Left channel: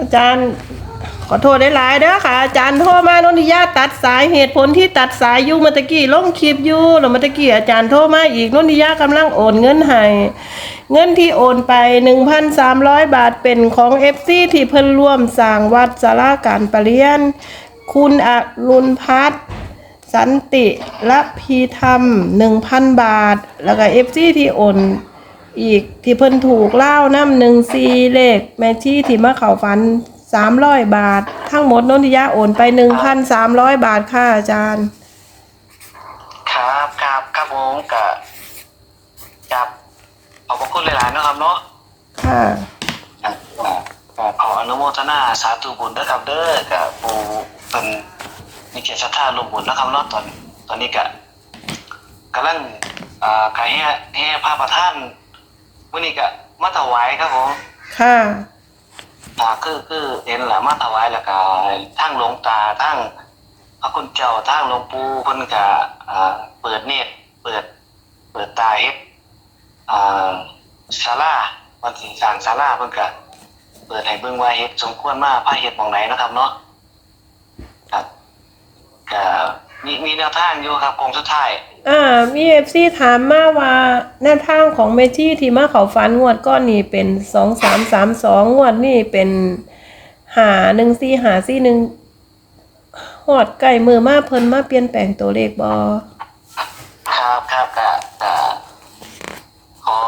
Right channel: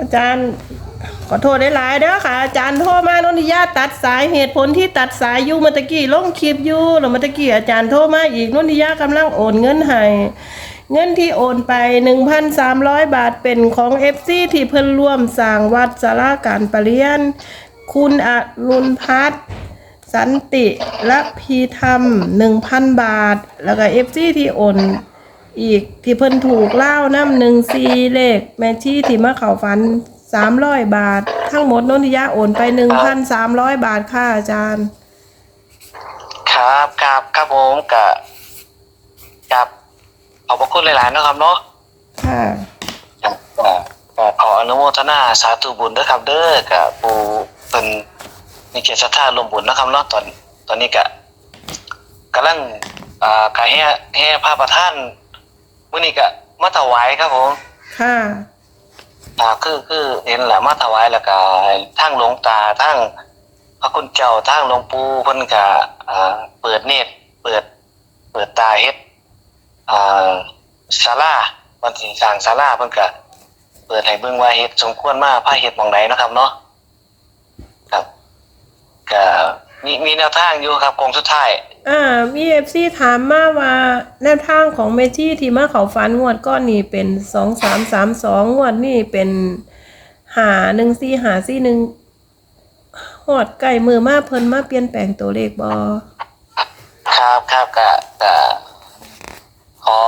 อาจารย์ขอโทษได้หลายๆเด้อค่ะ อาจารย์โทรมานนทิยาตัดสายเหตุผลที่ตัดสายอยู่มื่อตะกี้ลงคลิปอยู่แล้วมื่อตะกี้อาจารย์โทรมาอีกนนทิยากำลังโอนเงินให้เงินที่โอนไป 1,300 บาทเป็นของ FC ที่เพิ่นร่วมสร้างวัดสาราการประเรียน คุณอรุณพัฒน์สันติและพีธรรม 1,000 บาท แล้วก็ FC ที่โอน อีกที่เพิ่นถูกเล่าน้ำหนึ่งซีเลขแม่ชีที่มาเข่าฝันสามร้อยบาท ทั้งหมดนนทิยาโอนไปหนึ่งพันสามร้อยบาทค่ะอาจารย์ ครับครับครับผมกับกับขอบพระคุณหลายๆนะครับเนาะค่ะครับก็ก็ขออนุโมทนาสาธุบุญด้วยครับเด้อกับผู้เป็นมีเกียรติศรัทธารวมบุญนะครับเนาะตอนตอนนี้ก็กำลังอ่ากายแห่แห่พระประธาน มื้อนี้ก็มาถวายครับผมค่ะอ่าคือคือเห็นแหละมาถวายแล้วก็ทั้งหลวงตาทั้งพระคุณเจ้าทั้งหลวงปู่เพิ่นก็อ่าเปิดเนตรเปิด เปิดตาเฮ็ดอ่าศาลาวันที่สร้างศาลาเพิ่นก็เปิดให้เบิ่งว่าเฮ็ดสมควรมาพาเฮ็ดหม่องใดเนาะครับเนาะครับก็มีมีแนวทางอยู่ครับกองสุดท้าย อ่ามีเอฟซีถามมาว่าแนวทางของเมชี่ที่มาเขาฝันงวดก้อนนี่เป็นสองสามสามสองงวดนี่เป็นหาหนึ่งซีหาซีหนึ่งหอดไก่มือมาเพิ่นมาเปลี่ยนแปลงตัวเลขบอครับครับก็ก็ขอ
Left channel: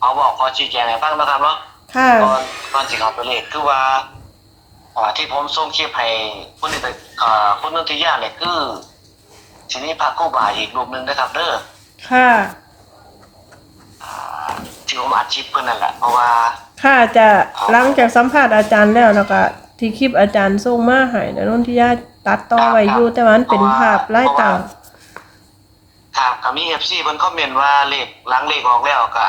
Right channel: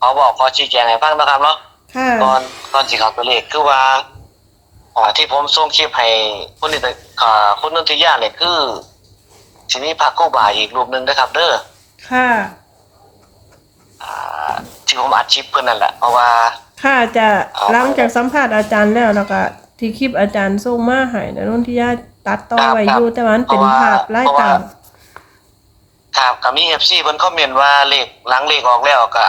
ขอบอกขอชี้แจงให้ฟังนะครับเนาะค่ะตอนตอนสิเขาตัวเลขคือว่าอ่าที่ผมส่งคลิปให้คุณนิตอ่าคุณนนทิยาเนี่ยคือ ทีนี้พระครู่บาอีกรูปหนึ่งนะครับ เด้อค่ะ อ่าที่ผมอัดคลิปเพื่อนนั่นแหละเพราะว่า ค่ะจะหลังจากสัมภาษณ์อาจารย์แล้วแล้วก็ที่คลิปอาจารย์ส่งมาให้แล้วนนทิยาตัดต่อไว้อยู่แต่ว่ามันเป็นภาพไล่ต่าง ครับกับมีเอฟซีเพิ่นคอมเมนต์ว่าเลขหลังเลขออกแล้วก็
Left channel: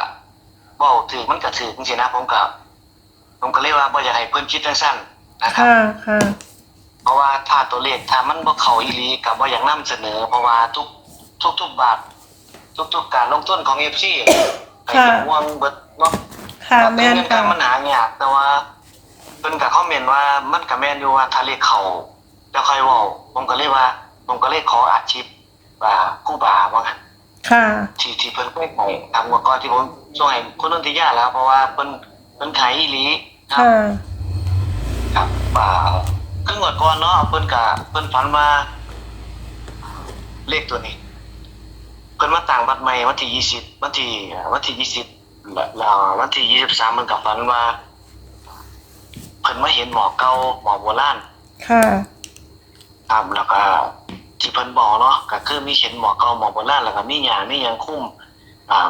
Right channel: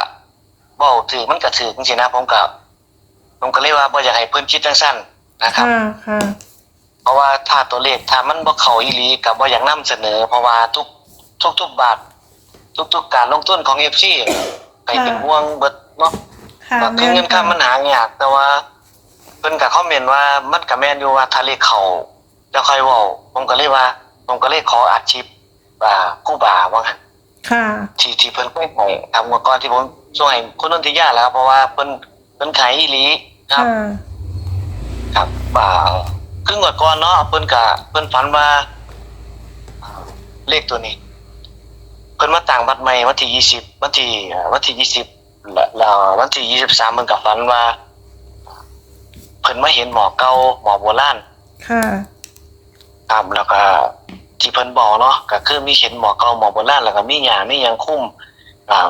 บอกถือมันก็ถือจริงๆนะผมกับผมก็เลยว่าบ่อยากให้เพิ่นคิดจังสั้นนะครับ ค่ะค่ะเพ ราะว่าถ้าตัวเลขถ้ามันบ่เข้าอีหลีกับบ่อยากนํเสนอ เพราะว่าทุกทุกทุกบาททุกๆการลงทุนของ FC ไปเป็นห่วงเบิดเนาะค่ะว่าแม่นเงินค่ะคำมันหายากแต่ว่าเพิ่นก็คอมเมนต์ว่ามันก็แม่นอยู่ว่าถ้าเลขเข้าจะค่อยเว้าผมก็เลยว่าผมก็เลยขออาชีพอ่าครู่บาว่างั้นค่ะที่ที่เพิ่นเคยให้ทำเมื่อก่อนที่ผมช่วยคุณนนทิยาแล้ว เพราะว่าเพิ่นเพิ่นขายอีหลีครับค่ะครับอ่า ครึ่งก่อนเนาะเพิ่นก็เพิ่นฝันว่าอ่า เลขตัวนี้ เพิ่นมาต่างบัตรใหม่วันที่ยี่สิบวันที่อ่าวันที่ยี่สิบแล้ววันที่ยี่สิบสามมันก็ฝันว่า เพิ่นมาเห็นหมอเก่าหมอโบราณค่ะครับแล้วก็ที่เพิ่นบอกเนาะก็คือมีเห็นหมอเก่าหมอโบราณแล้วก็มีหยามีหยังคุ้มอ่า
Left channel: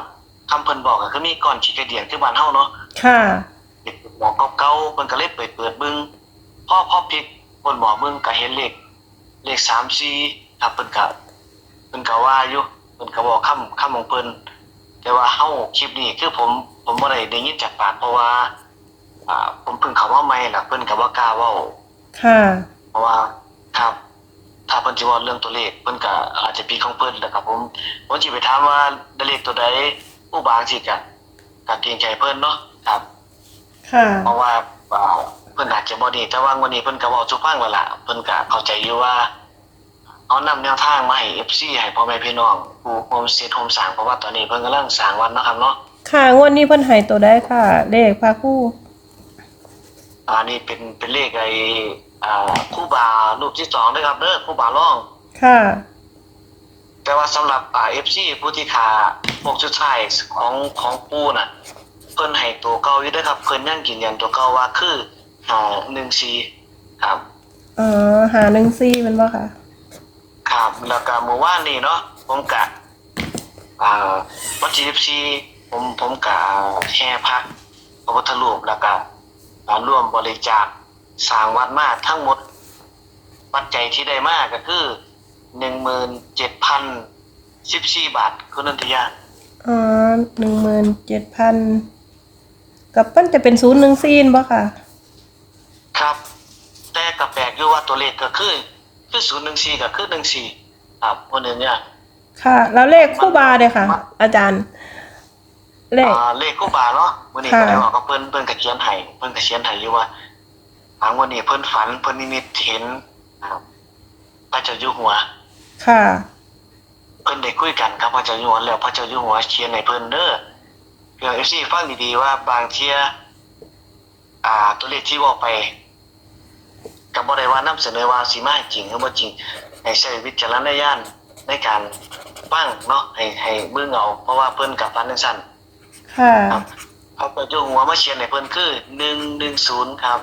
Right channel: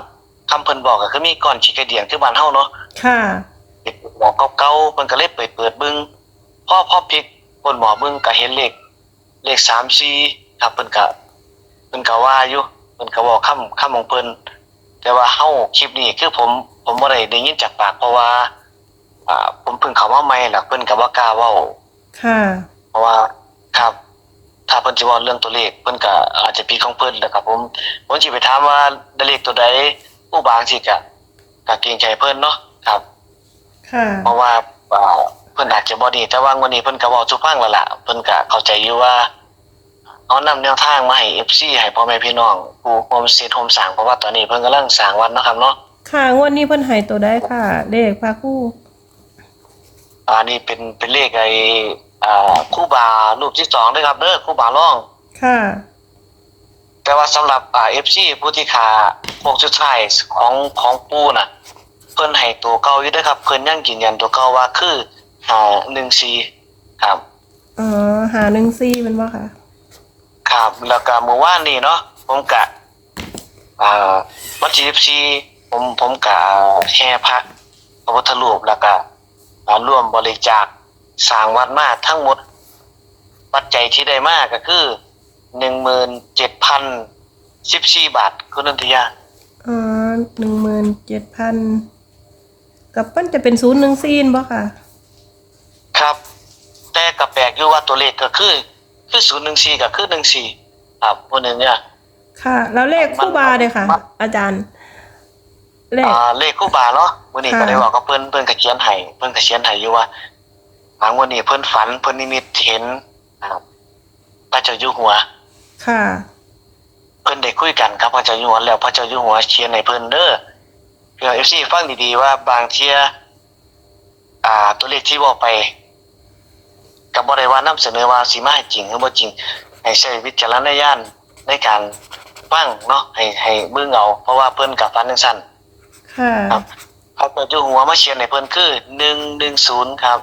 คำเพิ่นบอกก็คือมีก้อนขี้กระเดียงคือบ้านเฮาเนาะค่ะเด็กหมอเก่าๆเพิ่นก็เลยเปิดเปิดเบิ่งพ่อพ่อพลิก บนหมอเบิ่งก็เห็นเลขเลข3 4ครับเพิ่นก็เพิ่นก็ว่าอยู่เพิ่นก็บอกคำคำของเพิ่นแต่ว่าเฮาคลิปนี้คือผมผมบ่ได้ได้ยินจากปากเพราะว่าอ่าผมเพิ่งเข้ามาใหม่ล่ะเพิ่นก็บ่กล้าเว้าค่ะ เพราะว่าครับ ถ้าเพิ่นสิเว้าเรื่องตัวเลขเพิ่นก็อาจจะปีของเพิ่นแหละครับ ผมผมสิไปถามว่าได้เลขตัวใดผู้บางสิก็ก็เกรงใจเพิ่นเนาะครับ ค่ะ เพราะว่าอ่า เพิ่นอาจจะบ่ดี แต่ว่าวันนี้เพิ่นก็เว้าสุฟังแล้วล่ะเพิ่นก็เข้าใจอยู่ว่าเอานำแนวทางมาให้ FC ให้พ่อแม่พี่น้องผู้โฮมเซตโฮมสร้างเพราะว่าตอนนี้เพิ่นกำลังสร้างวัดนะครับเนาะค่ะงวดนี้เพิ่นให้ตัวได้ค่ะ เลขพาคู่อันนี้เป็นเป็นเลขไอ้อ่าครูบารูปที่สองด้วยครับเด้อครูบาร้อง ค่ะ แต่ว่าสำหรับอ่า FC ผู้ที่ขาพวกสุดท้ายของของปูน่ะ เพิ่นให้ตัวเก่าอยู่เด้อครับ เพิ่นยังยืนยันตัวเก่าว่าคือ อ่า14ครับ อ๋อหาหนึ่งซีเป็นว่าค่ะ ครับแล้วก็เมื่อวานนี้เนาะผมกะอ่าวันที่14ผมผมกะแห่พระพระพุทธรูปแล้วก็อ่าร่วมบริจาคสร้างวัดมาทั้งหมดปัจจัยที่ได้มาก็คือ17,014บาทคุณนันทยาอ๋อหนึ่งหมื่นเจ็ดพันกับเพิ่นจะเป็นศูนย์หนึ่งซีนบ่ค่ะครับแต่ก็แป ลกอยู่ว่าตัวเลขก็คือคือ014ก็คือ14ครับพวกนี้เนี่ยค่ะ แล้วเลขคู่บาเลยค่ะ อาจารย์ เลขอ่าเลขคู่บาเนาะวันนี้ค่ะก็ได้บอกกับเพิ่นเพิ่นก็เขียนให้เพิ่นก็เขียนให้อยู่ว่าบางวันนี้เพิ่นฝันเพิ่นนิมิตเห็นนะครับพระเจ้าอยู่หัว ค่ะ เพิ่นได้คุยกันครับพระเจ้าอยู่หัวแล้วพระเจ้าอยู่หัวเขียนให้เพิ่นเด้อเพื่อ FC ฟังดีๆว่าบางเที่ยอ่าตัวเลขที่บอกไป ก็บ่ได้ว่านำเสนอว่าสิมาให้จริงหรือบ่จริง ให้ใช้วิจารณญาณในการฟังเนาะให้ให้เบิ่งเอาเพราะว่าเพิ่นกับฟันจังซั่นค่ะครับพระเจ้าอยู่หัวมาเขียนให้เพิ่นคือ110ครับ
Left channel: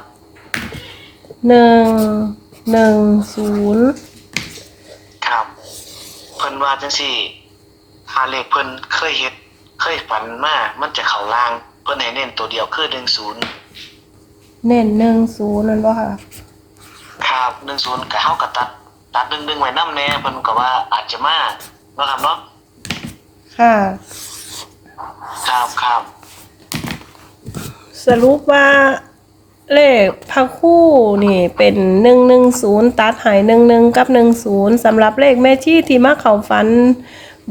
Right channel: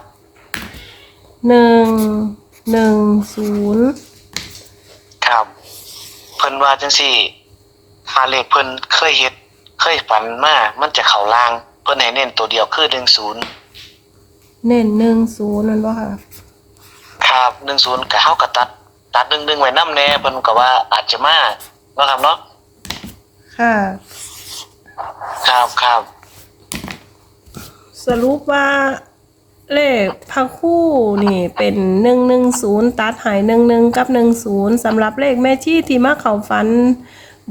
หนึ่งหนึ่งศูนย์ครับ เพิ่นว่าจังซี่หาเลขเพิ่นเคยเฮ็ดเคยฝันมามันจะเข้าล่าง เพิ่นให้เน้นตัวเดียวคือ10เน้นหนึ่งศูนย์นั่นบ่ค่ะ ครับ10ก็เฮาก็ตัด ตัด1ๆไว้นำแน่เพิ่นก็ว่าอาจจะมาเนาะครับเนาะค่ะ ครับครับสรุปว่าเลขพักคู่นี่เป็นหนึ่งหนึ่งศูนย์ตัดหายหนึ่งหนึ่งกับหนึ่งศูนย์สำหรับเลขแม่ชี่ที่มาเข้าฝัน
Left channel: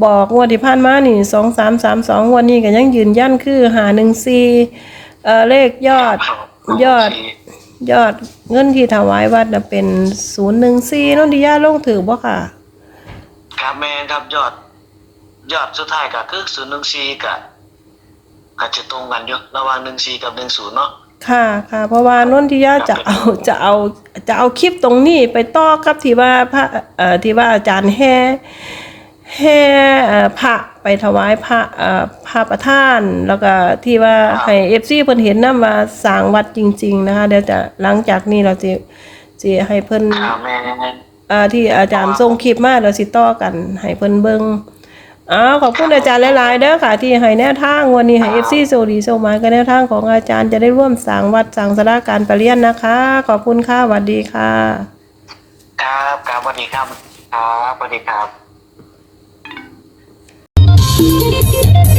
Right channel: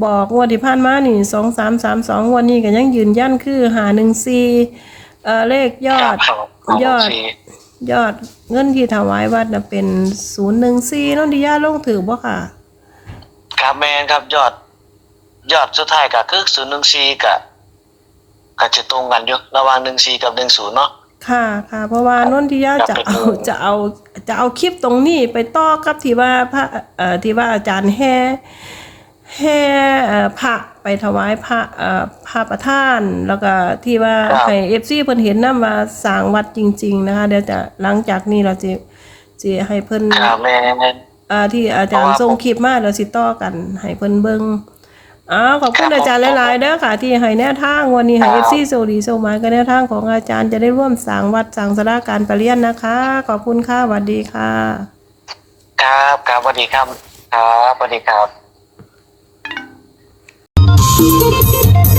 บอกงวดที่ผ่านมานี่สองสามสามสองวันนี้ก็ยังยืนยันคือหาหนึ่งสี่เอ่อเลขยอด ครับยอด ยอดเงินที่ถวายวัดน่ะเป็นศูนย์หนึ่งสี่นนทิยาลงถือบ่ค่ะ ครับแม่นครับยอด ยอดสุดท้ายก็คือ014ก็ก็จะตรงกันอยู่ระหว่าง14กับ10เนาะค่ะค่ะ เพราะว่านนทิยาจะเอาจะเอาจะเอาคลิปตรงนี้ไปต่อกับที่ว่าพระเอ่อที่ว่าอาจารย์แห่ แห่เอ่อพระไปถวายพระเอ่อพระประธาน แล้วก็ที่ว่าให้เอฟซีเพิ่นเห็นนำว่าสร้างวัดจริง ๆ นะคะเดี๋ยวจะหลังจากนี้เราจะจะให้เพิ่นครับแม่นอ่าที่อาจารย์ส่งคลิปมาแล้วสิต่อกันให้เพิ่นเบิ่งอ้าวขอบคุณอาจารย์หลายๆเด้อค่ะ ที่ให้แนวทางวันนี้ให้ FC โซดีโซมากับแนวทางของอาจารย์จะได้ร่วมสร้างวัดสร้างสลาการประเรียนนะคะ ขอบคุณค่ะสวัสดีค่ะ ครับครับสวัสดีครับครับสวัสดีครับ Thank you.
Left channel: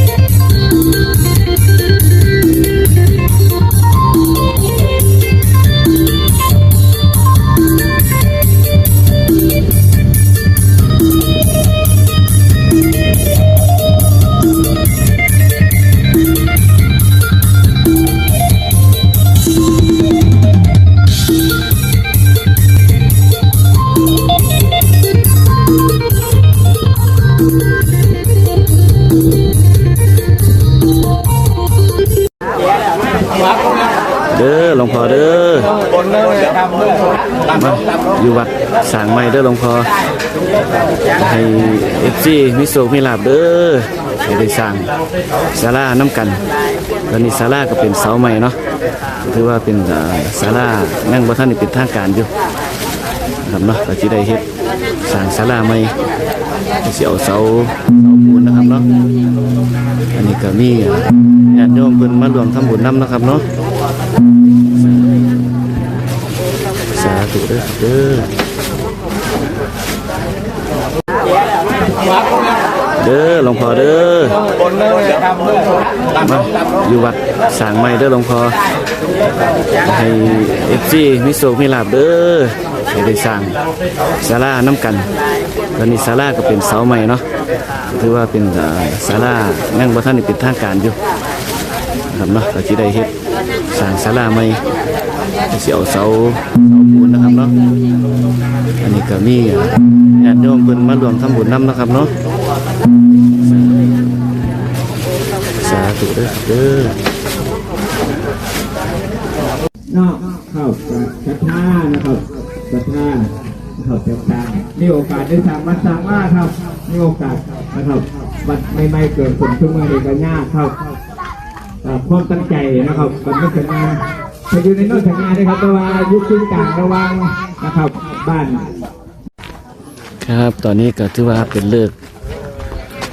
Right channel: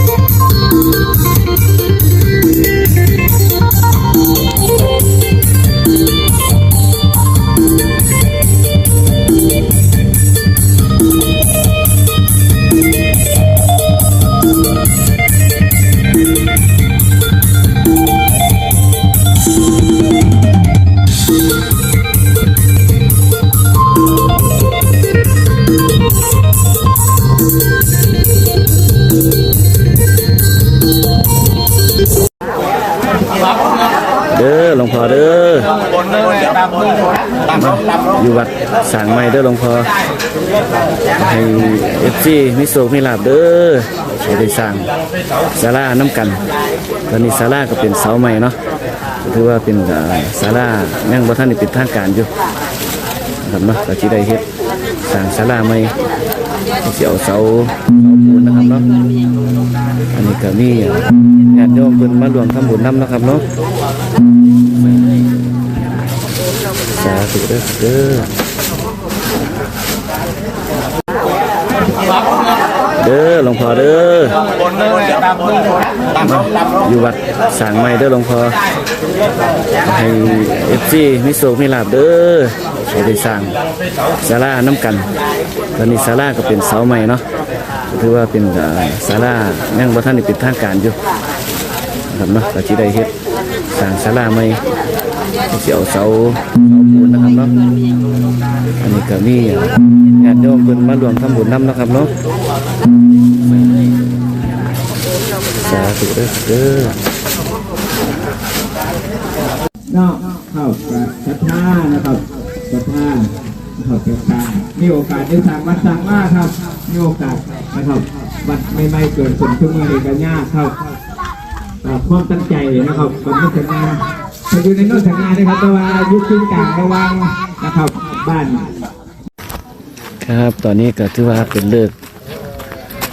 เด้อหลวงพ่อเด้อมาอยู่วัดสร้างใหม่เด้อหลวงพ่อให้เอฟซีมีโศกมีลาบเด้อให้ได้สร้างศาลาน้ำกันตอนนี้ศาลาก็เป็นเสาใหม่เนาะถือว่าเป็นเอ่อศาลายังบ่ทันได้เป็นทางการอยู่ครับเนาะก็สิได้เฮ็ดสร้างศาลาใหม่ เอาเสาเสาปูนนะครับเนาะอันนี้ก็มีญาติโยมเพิ่นมารวมทำบุญนำนะครับเนาะสาธุเด้อเด้อเด้อหลวงพ่อเด้อมาอยู่วัดสร้างใหม่เด้อหลวงพ่อให้เอฟซีมีโศกมีลาบเด้อให้ได้สร้างศาลาน้ำกัน ตอนนี้ศาลาก็เป็นเสาใหม่เนาะถือว่าเป็นเอ่อศาลายังบ่ทันได้เป็นทางการอยู่นะครับเนาะก็สิได้เฮ็ดสร้างศาลาใหม่สิเอาเสาเสาปูนนะครับเนาะอันนี้ก็มีญาติโยมเพิ่นมารวมทำบุญนำนะครับเนาะสาธุเด้อเด้อนอกเข้ากรัทธานะครับศรัทธานะครับ มีโอกาสได้สั่งวัดสั่งว่าครับ มีโอกาสนะครับวัดไม่ไม่เกิดผลขึ้นมาในกันยาครับความตั้งใจนะครับก่อนที่จะงานจะอยู่ในโนอกสัญญาด้วยครับแต่ว่ายุคขึ้นกลางระวังนะครับบ้าน ครับตอนนี้ก็ถือว่าเป็นเลิก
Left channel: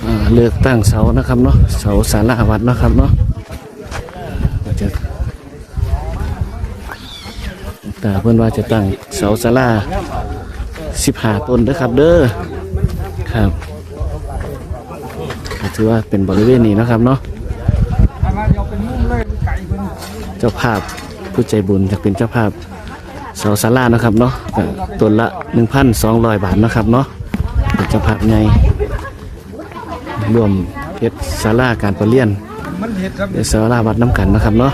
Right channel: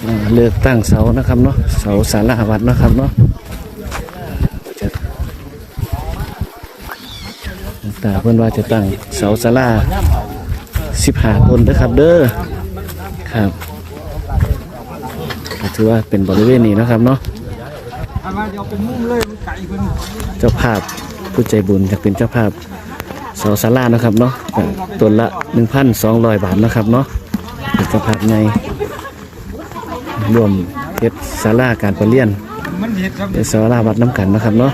อ่าเลิกตั้งเสานะครับเนาะเสาศาลาวัดนะครับเนาะจะตาเพื่อนว่าจะตั้งเสาศาลา สิบห้าต้นเด้อครับเด้อครับถือว่าเป็นบริเวณนี้นะครับเนาะเจ้าภาพผู้ใจบุญอยากเป็นเจ้าภาพเสาศาลานะครับเนาะต้นละ1,200บาทนะครับเนาะเป็นเจ้าภาพไงรวมเฮ็ดศาลาการประเรียนเดี๋ยวสาราวัดน้ำกันนะครับเนาะ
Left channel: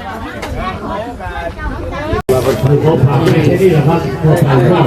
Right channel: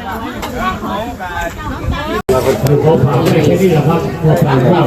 เขาผ่านไม่ใช่นี่แหละครับเขาผ่านว่า